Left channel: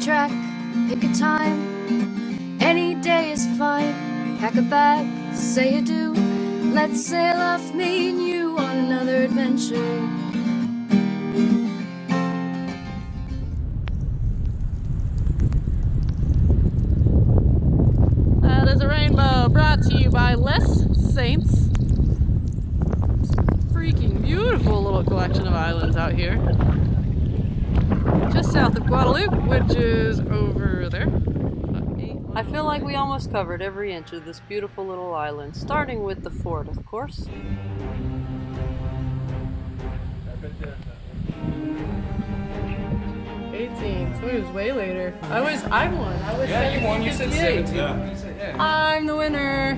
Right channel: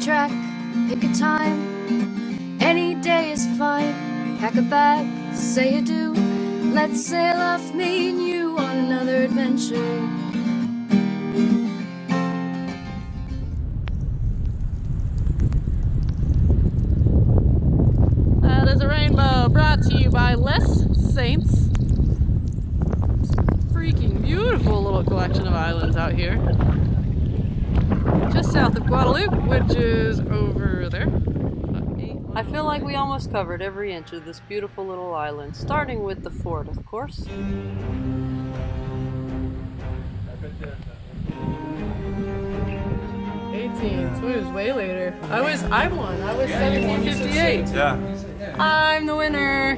track, pick a time. Any day is fine. Pack a bag, say adieu. Let's sail off, me and you, on another adventure. That is a rainbow brought to you by Les Saints. Freaking beautiful little collection of islands out here. Just south of Guadeloupe, which is over there. I feel like we almost covered every inch of this beautiful little island, starting with the fort, of course. 18, so it was way later. I won. I was 1758. Yeah. I'm the winner.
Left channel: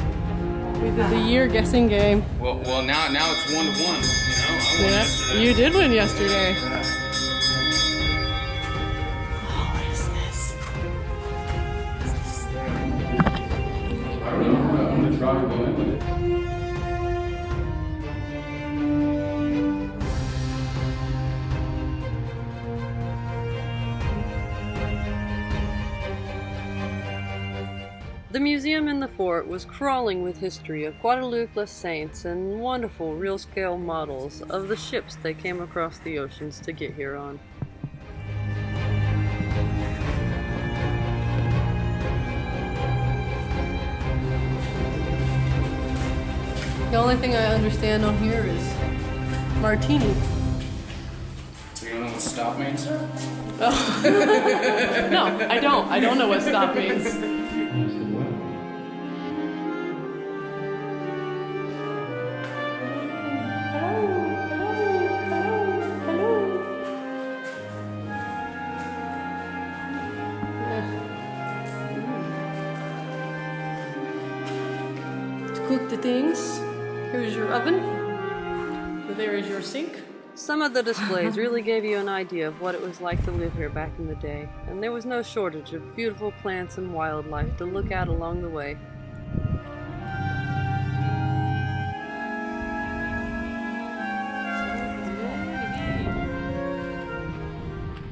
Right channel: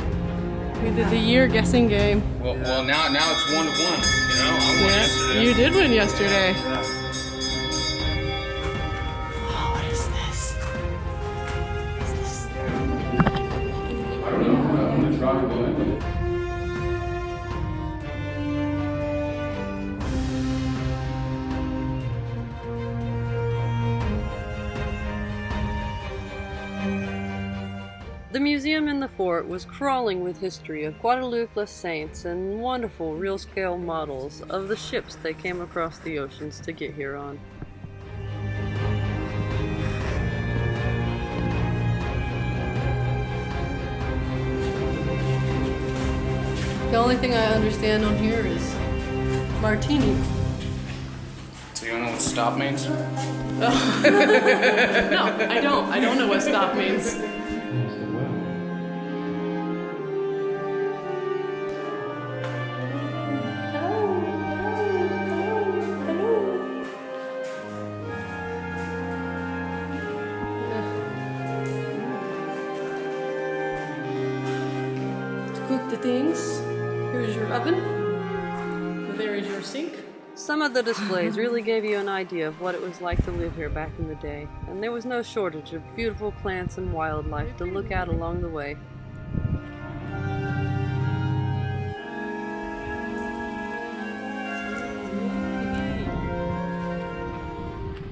We did the year guessing game. Well, now it's 1-1. You know, I won yesterday. You did win yesterday. Yeah. Oh, what is this? What is this? I don't know. I'm gonna try to go in with it. The museum in the fort was crawling with history of Guadeloupe Les Saints and wonderful real-scale models of the ships they came across the oceans to get here on. The only thing I understand on here is martini. So you don't know what stop means? No, I don't. I don't know what stop means. To cook the things, here's your oven. There is your sink. Some of the displays really gave you an idea of what it was like to live here back in the day, and there was no shortage of beautiful plants and wildlife to look at along the way.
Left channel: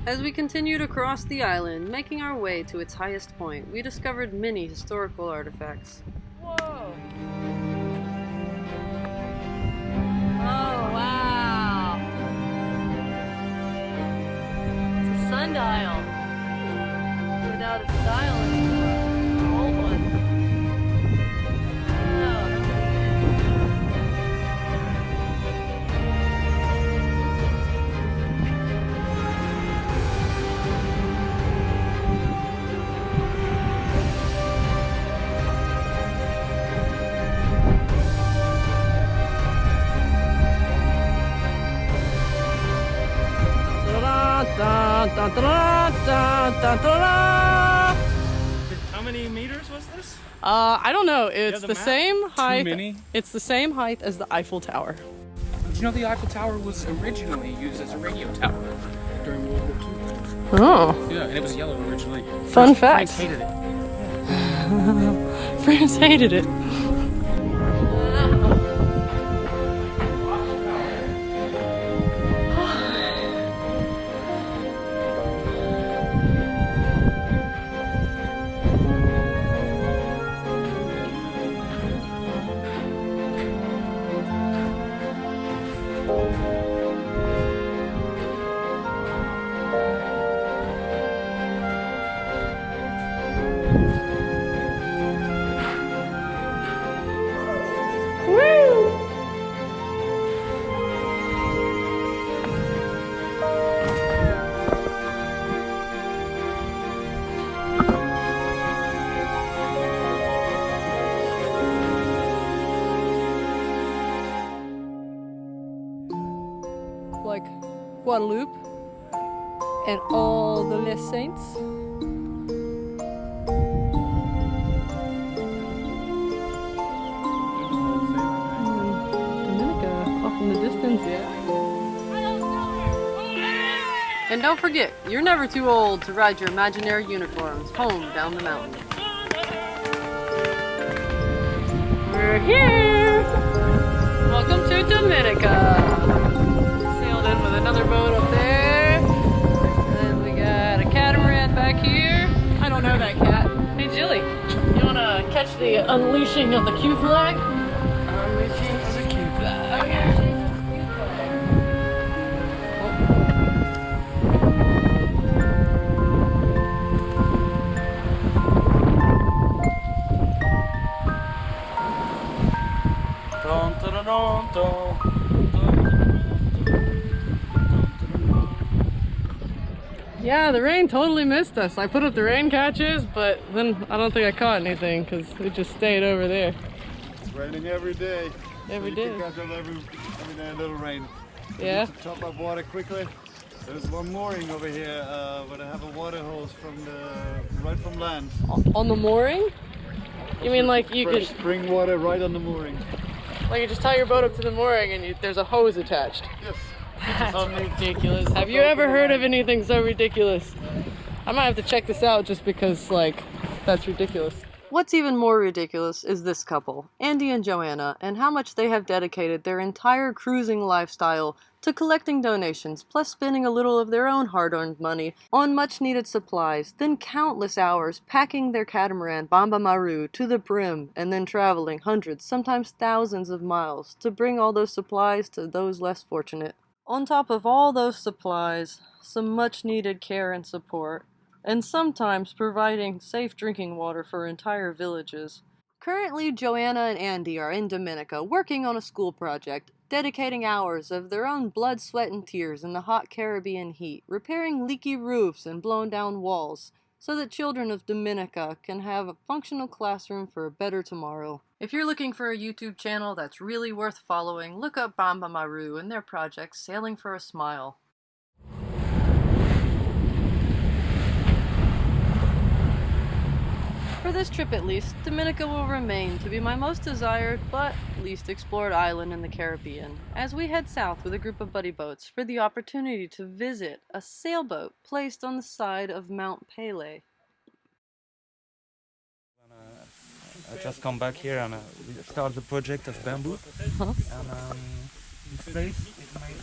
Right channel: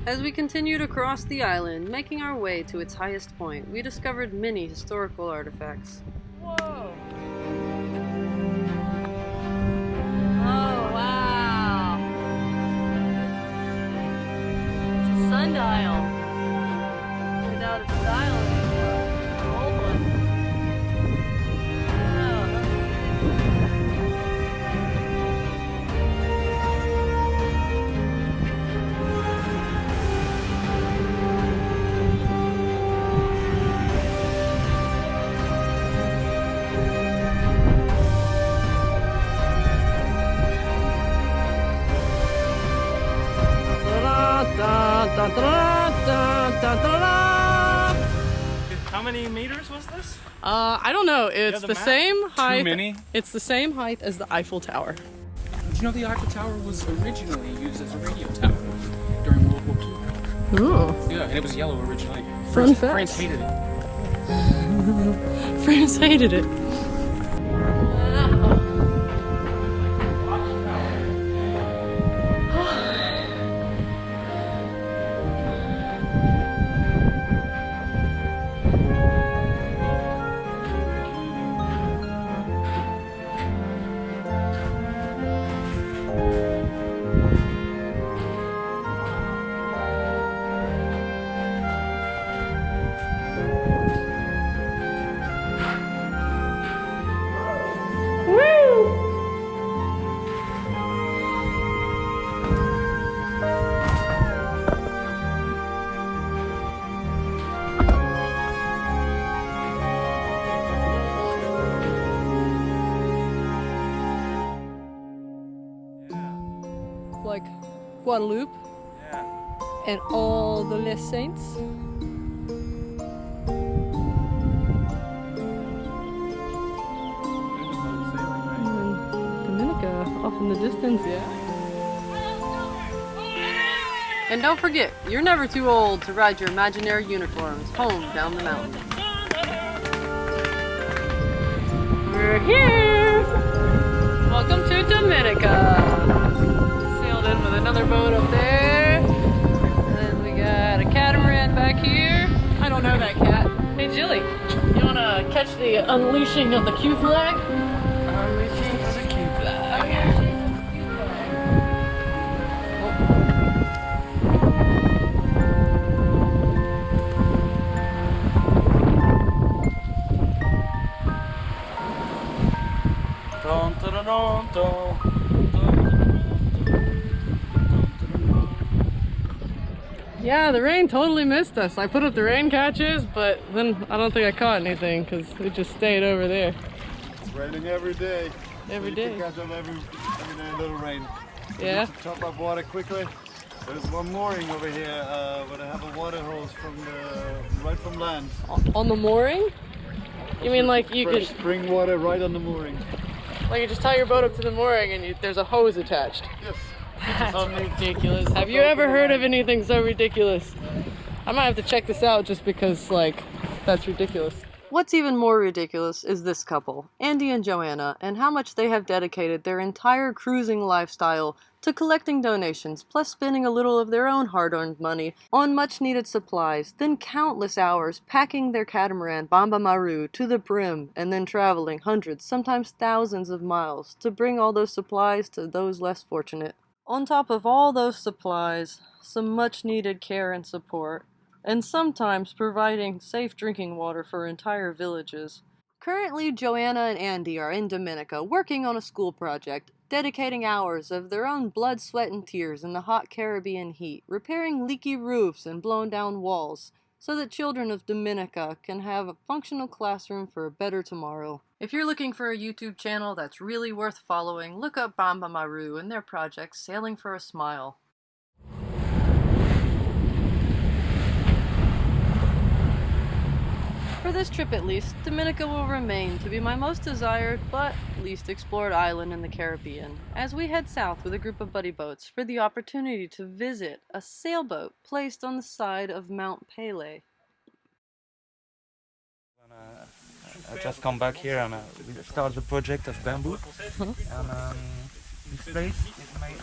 As we continued across the island, making our way to its highest point, we discovered many historical artifacts. Whoa! Oh, wow! It's a sundial without a dial anymore. An old one. Wow, how neat is that? How many meters was this? I don't know. It's the same height. Too many? It's the same height as the Eiffel Tower. Did you know the Eiffel Tower was originally used as a radio tower during World War II? Oh. Yeah, and it was yellow originally. Fun fact. France hated it. France hated it. Like Guadeloupe and all the Les Saints. Dominica off in the distance, yeah. And don't forget, you're never too old to ride your imaginary unicorns home down the mountain. We're here! Welcome to Dominica! Sailed in with another boat up there. And then we got a catamaran back here. don't know that cat. Hey, Jilly, you want to catch the unleashing of the Q flag? Unleashing of the Q flag. Unleashing of the Q flag. Yeah, the rain totally missed us. I put up the rain catches, but then I don't think I caught anything because it just stayed over there. It's raining every day. Every so day. You can catch up every day a little rain. Yeah. To top up water quickly. There's one mooring over here where I have a water hose right from land. On the mooring? You mean like you Fresh could spring water right on the mooring? like you just tie your boat up to the mooring and there's a hose attached? Yes. That's ridiculous. Have you ever heard of anything so ridiculous? I might have to check this out just because, like, that's ridiculous. What's even more ridiculous is this couple, Andy and Joanna, and how much they have dedicated their entire cruising lifestyle to collecting donations, plus spending a little of their own hard-earned money on much-needed supplies, then countless hours packing their catamaran Bamba Maru to the brim, and then traveling hundreds, sometimes thousands of miles to bring all those supplies to those less fortunate. On top of all those supplies, some much-needed care and support, and sometimes providing safe drinking water for entire villages. Currently, Joanna and Andy are in Dominica working on a school project, dedicating hours of their own blood, sweat, and tears in the hot Caribbean heat, repairing leaky roofs and blown down walls, so that children of Dominica can have a functional classroom for a better tomorrow. If you're looking for a YouTube channel that's really worth following, look up Bamba Maru and their project Sailing for a Smile. For this trip at least, Dominica will remain to be my most desired but least explored island in the Caribbean, as we head south with a group of buddy boats for the opportunity to visit a sailboat placed on the side of Mount Pelée. I just come back here and we start the project of bamboo. And this place is made.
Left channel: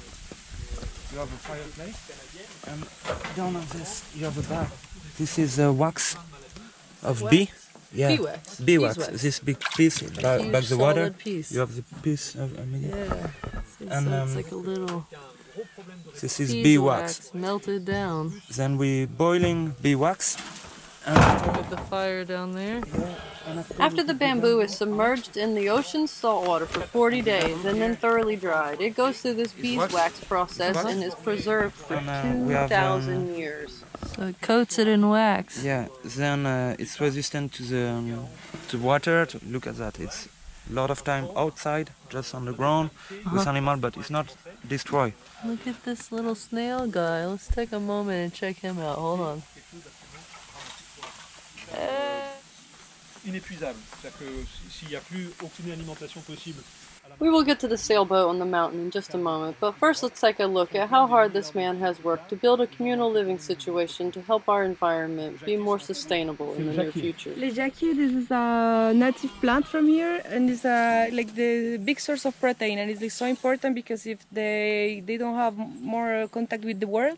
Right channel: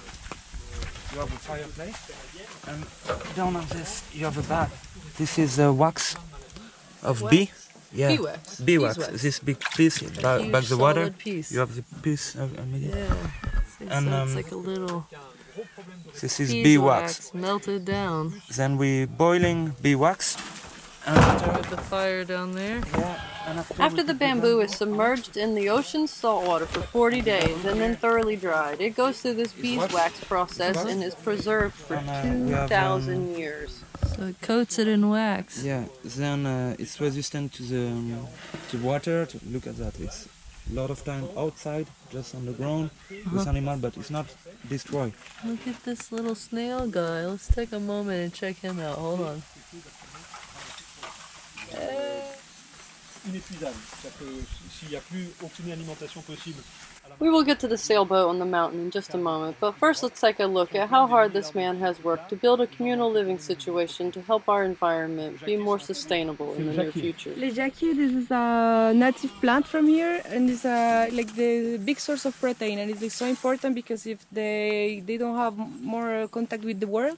You have a fireplace, and down on this you have a bag. This is wax of bee. Yeah. Beeswax. Beeswax. This big piece back the water. Piece. You have the piece of Yeah. And, So it's like a little this is beeswax beeswax. melted down. Then we boiling beeswax. And With the fire down there. and After the bamboo is submerged in the ocean's salt water for 40 days and then thoroughly dried, it goes through this beeswax process and is preserved for we have, 2,000 years. So it coats it in wax. yeah, then it's resistant to the water. Look at that. It's a lot of time outside, just on the ground with animal, but it's not destroyed. Look at this little snail guy. Let's take a moment and check him out. Hold on. Inépuisable. C'est-à-dire que s'il n'y a plus aucune alimentation possible. We will get to the sailboat on the mountain in just a moment, but first let's take a look at how hard this man has worked to build a communal living situation to help our environment be more sustainable in the near future. Les jacquier, this is a native plant from here, and it's like the big source of protein, and it's like so important because if they don't have more contact with the world,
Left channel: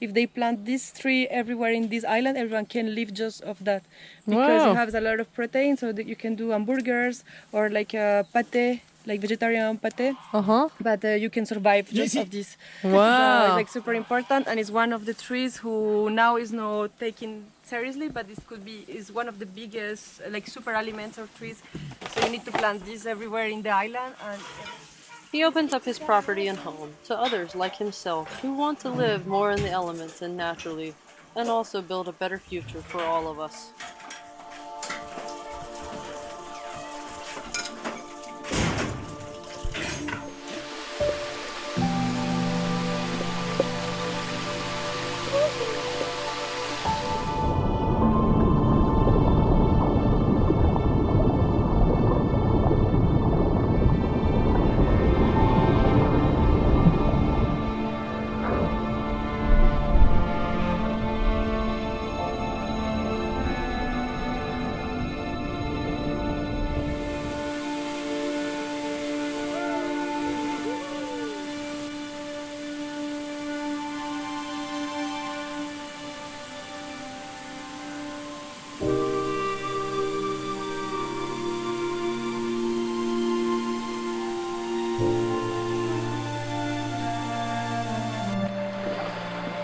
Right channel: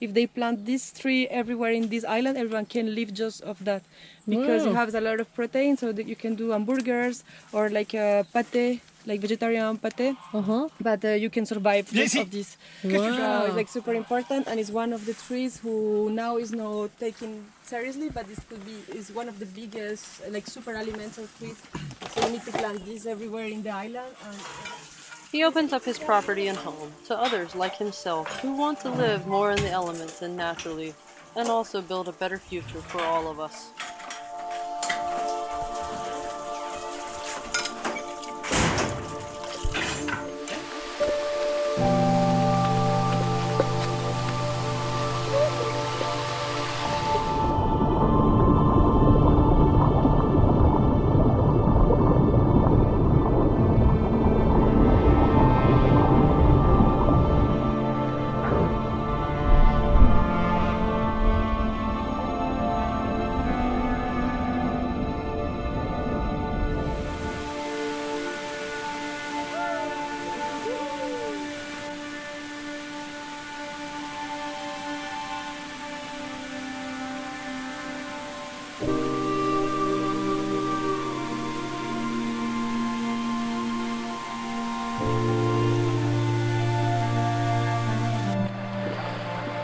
if they plant this tree everywhere in this island, everyone can live just off that because it has a lot of protein, so that you can do hamburgers or like pate. Like vegetarian pate, but you can survive just of this. Wow. It's like super important, and it's one of the trees who now is not taken seriously, but this is one of the biggest like super alimental trees. So you need to plant this everywhere in the island. And He opens up his property and home to others like himself who want to live more in the elements and naturally, and also build a better future for all of us.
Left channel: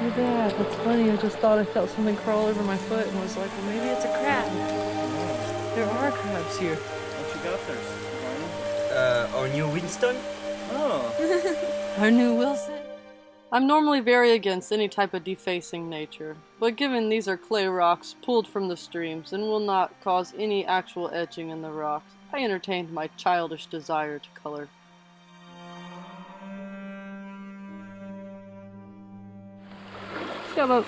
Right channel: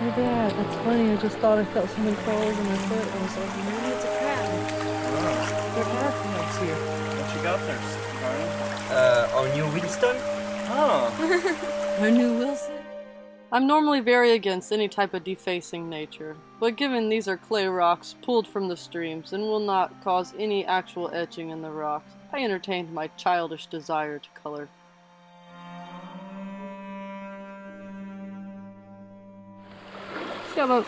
Look at that. That's funny. I just thought I felt something crawl over my foot and was like, well, maybe it's a crab. There are crabs here. What you got there, Barney? Our new Winston. Oh. Our new Wilson. I'm normally very against any type of defacing nature, but given these are clay rocks pulled from the streams and will not cause any actual etching in the rocks, I entertained my childish desire to color. Sailboat.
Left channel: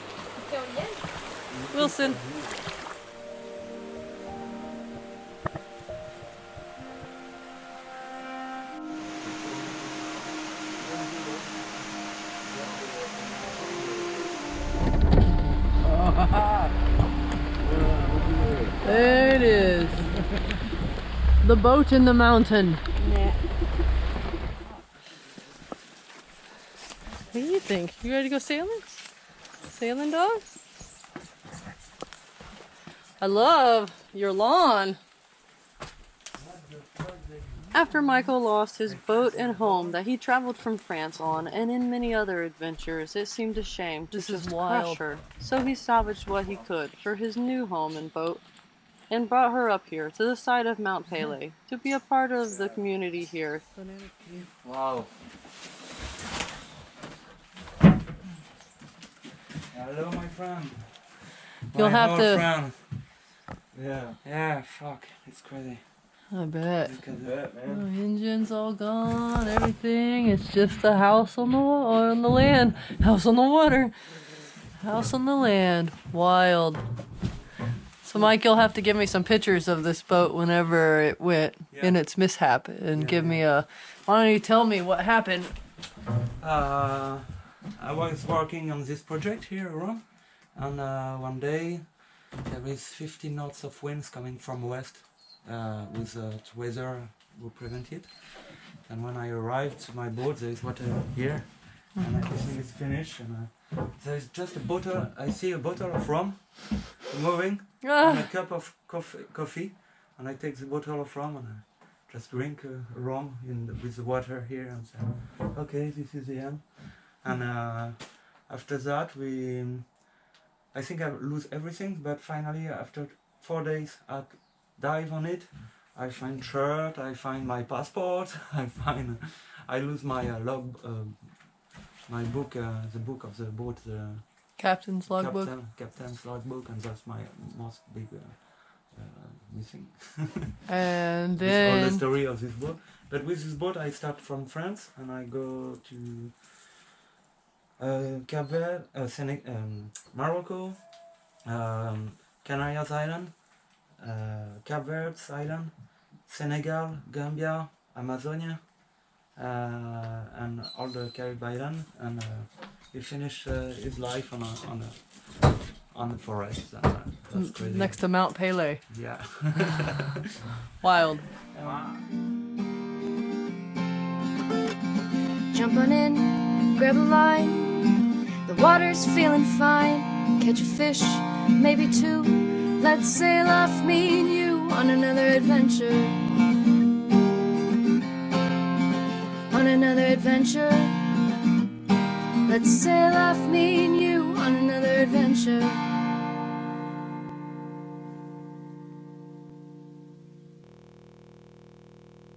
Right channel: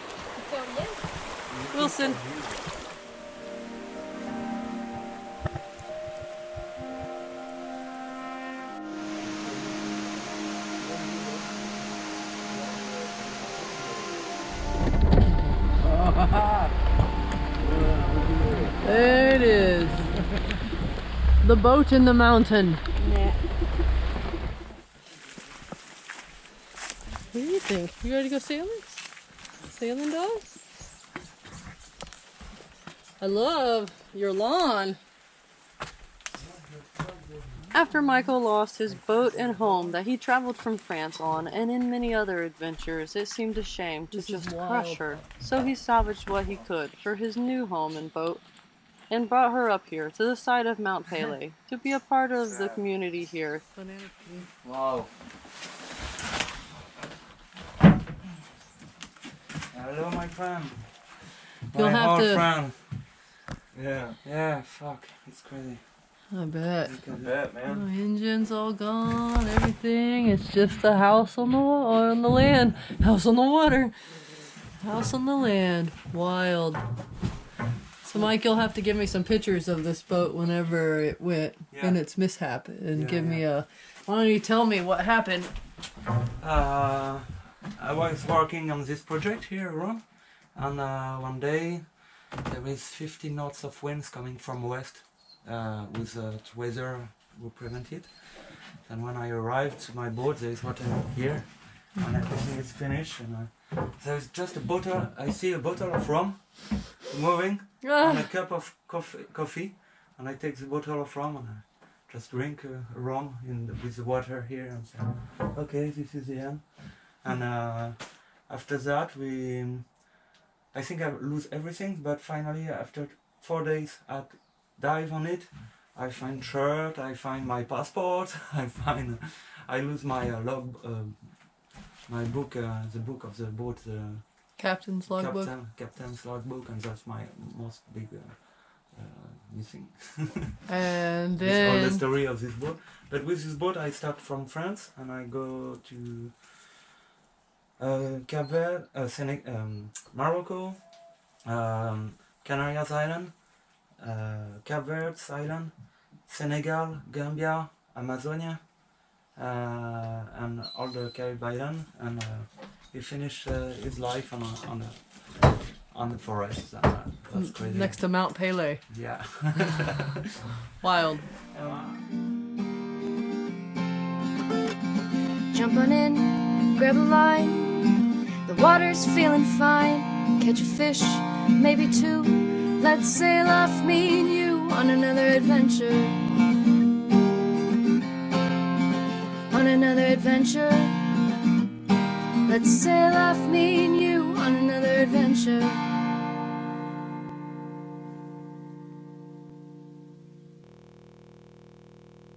Wilson. There it is. The boat in the mountain. What do you think? You ready to go sailing? Sailing, dogs? I love your lawn. After Michael lost his boat and home that he traveled from France on, and in many other adventures, it seemed a shame to just crush her. So he salvaged what he could for his new home and boat, and brought her up here to the side of Mount Pele to be a part of the community here. Wow. Hello, my friend. You'll My have old to- friend. Yeah. Yeah, fuck. It's crazy. I bet. I bet, man. The engine's all gone, everything. It's just a house on the land. House on the water. House on the land. Wild. So Mike, you'll have to give me some pictures of this boat whenever it went in its mishap and give me a... Why don't you tell me what happened? I was working on this project here around, and one day there is 50 knots of winds coming from west with weather will prevent it. And when I arrived to my boat, there is water here, and everything is finished. And there is just a bottle. I see a bottle of rum moving, and a cup of coffee, and I take the bottle of rum and I just drink rum with the water here and say, okay, this is the end. And after that, I think I lose everything, but finally, after 4 days, I dive on it. I find shirt, I find my passport, I lose my log, my book, the book of the boat, the Captain's logbook. captain's logbook, and that's my most big missing. And That's all the then... story of this boat. But with this boat, I start from France and I go to Cape Verde, Morocco, Canarias Island, Cape Verde Island, Senegal, Gambia, Amazonia, and all the Caribbean Island. And he finished his life on the forest. That's crazy. Next to Mount Pele. Yeah. Wild. Jump on in, grab a line. The water's feeling fine. Catch a fish, maybe two. Let's sail off, me and you, on another adventure. On another adventure. Let's sail off, me and you, on another adventure.